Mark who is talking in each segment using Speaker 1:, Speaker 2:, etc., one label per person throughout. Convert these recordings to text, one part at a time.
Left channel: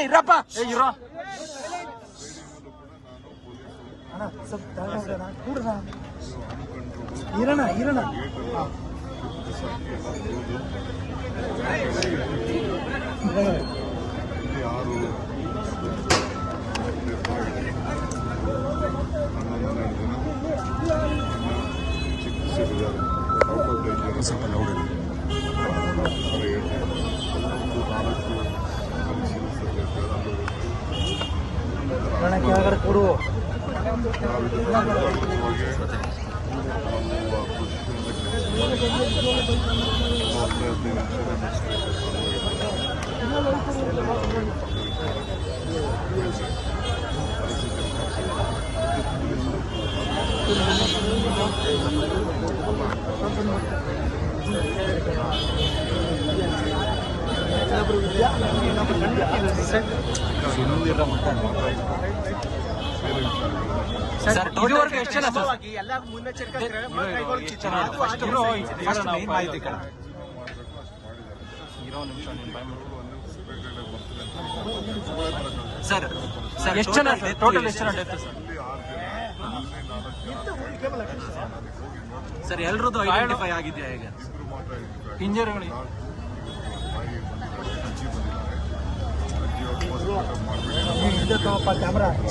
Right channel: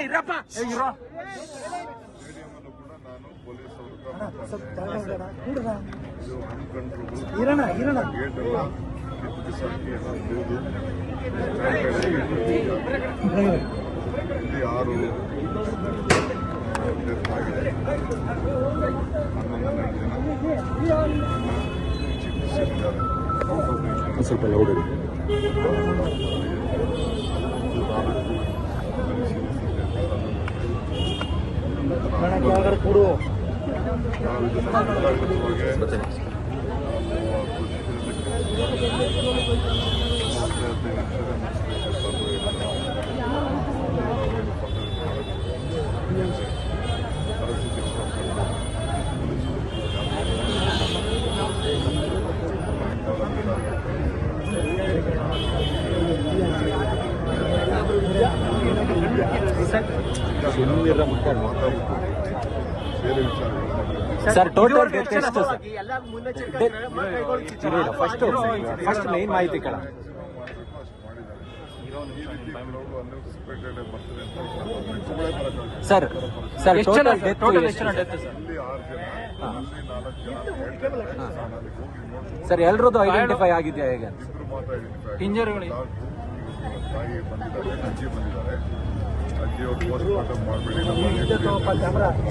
Speaker 1: ಇರಪ್ಪ
Speaker 2: ಇರೋ
Speaker 3: ಮಾತಾಡಿದೆ.
Speaker 4: ಕೂಡಣ
Speaker 3: ಇದು ಅನ್ಕಂಟ್ರೋಲ್
Speaker 4: ಇರೋಣ ಇರೋಣ
Speaker 3: ಎಲ್ಲ ಕಿತ್ತು ಬಿಸಾಕಿ ಪರಿಶೀಲಿಸಬೇಕು
Speaker 4: ಕೂಡು
Speaker 3: ನಾವು ಇದನ್ನು ಮುಂಜಾಗ್ರತವಾಗಿ ನಾವು
Speaker 1: ಸುಮ್ಮನಿರ ಮಾತಾಡ
Speaker 3: ಬೇರೆ ವಿಚಾರ
Speaker 1: Sir total death ಎಷ್ಟು ಸರ್ ಫಸ್ಟ್ ಫಸ್ಟ್ ಮೇನ್ ಮಾಹಿತಿ ಕಣ ಸರ್? ಸರ್
Speaker 2: ಎಷ್ಟು ಜನ
Speaker 1: ಟೋಟಲ್
Speaker 2: ಟೋಟಲ್ ಎಷ್ಟು ಜನ ಡೆತ್ ಸರ್?
Speaker 3: ಇಲ್ಲಿ ಆರು ಜನ ಇಲ್ಲಿ ನಾಲ್ಕು ಜನ
Speaker 1: ಸರ್ ಎಲ್ರದ್ದು ಐಡೆಂಟಿಫೈ ಆಗಿದೆಯಾ ಈಗ
Speaker 3: ಇಬ್ರು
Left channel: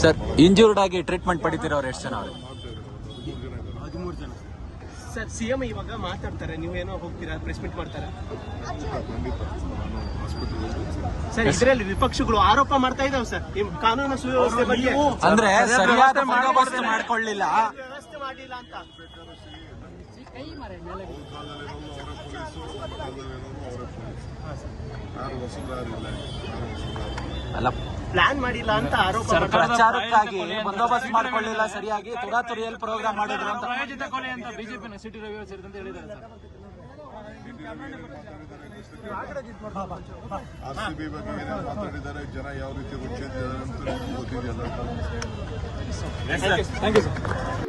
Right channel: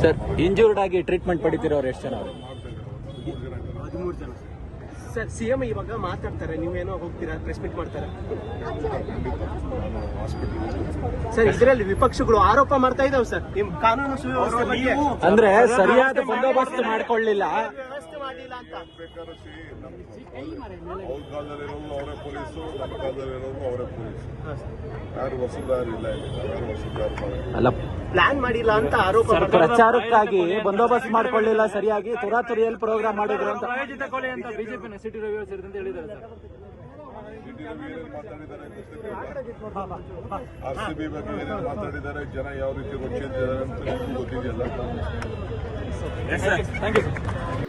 Speaker 1: ಸರ್ ಇಂಜೂರ್ಡ್ ಆಗಿ ಟ್ರೀಟ್ಮೆಂಟ್ ಪಡಿತಿರೋರು ಎಷ್ಟು ಜನ ಅವ್ರು?
Speaker 4: ಸರ್ ಸಿಎಂ ಇವಾಗ ಮಾತಾಡ್ತಾರೆ ನೀವೇನೋ ಹೋಗ್ತೀರಾ ಪ್ರೆಸ್ ಮೀಟ್ ಮಾಡ್ತಾರೆ? ಸರ್ ಇದರಲ್ಲಿ ವಿಪಕ್ಷಗಳು ಆರೋಪ ಮಾಡ್ತಾ ಇದಾವೆ ಸರ್ ನಿಮ್ ಕಾನೂನು ಸುವ್ಯವಸ್ಥೆ ಬಗ್ಗೆ.
Speaker 1: ಅಂದ್ರೆ ಸರಿಯಾದ ಬಂದೋಬಸ್ತ್ ಮಾಡ್ಕೊಳ್ಳಿಲ್ಲ.
Speaker 3: ಸಿ ಅವ್ರ ಕಾಲದಲ್ಲಿರೋರು ಅವರೇ ಪೊಲೀಸು ನಮ್ಮ ಕಾಲದಲ್ಲಿರೋರು ಅವರೇ ಪೊಲೀಸ್ ಯಾರು ವಸೂದಾರು ಇಲ್ಲ. ಯಾರು ವಸೂದಾರು ಇಲ್ಲ.
Speaker 1: ಅಲ್ಲ
Speaker 4: ಪ್ಲಾನ್ ಮಾಡಿಲ್ಲ ಅಂತ ಆರೋಪ
Speaker 1: ಪ್ರಚಾರಕ್ಕಾಗಿ ಬಂದೋಬಸ್ತ್ ಮಾಡ್ಕೊಳ್ಳಿಲ್ಲ ಸರಿಯಾಗಿ ತುರಾತುರಿಯಲ್ಲಿ ಪ್ರೋಗ್ರಾಮ್ ಮಾಡಿದ್ರು ಅಂತ.
Speaker 2: ಪ್ರಾಯೋಜಿತ ಕೊಲೆ ಅಂತ ಬಿಜೆಪಿನ ಸಿಟಿ ರವಿ ಸೇರಿದಂತೆ ಹೇಳಿದ್ದಾರೆ ಸರ್.
Speaker 3: ಡಿ ರವಿ ಮಾತಾಡಿದ್ದಾರೆ ಆರ್ ಸಿ ಬಿ ಬಗ್ಗೆ ಏನೇನು ಮಾತಾಡಿದ್ದಾರೆ ಜನ ಯಾವ ರೀತಿ ಗೊತ್ತಿದ್ದಾರೆ ಅಂತ ಗೊತ್ತಿದೆಯಲ್ಲ
Speaker 2: ಥ್ಯಾಂಕ್ ಯು ಸರ್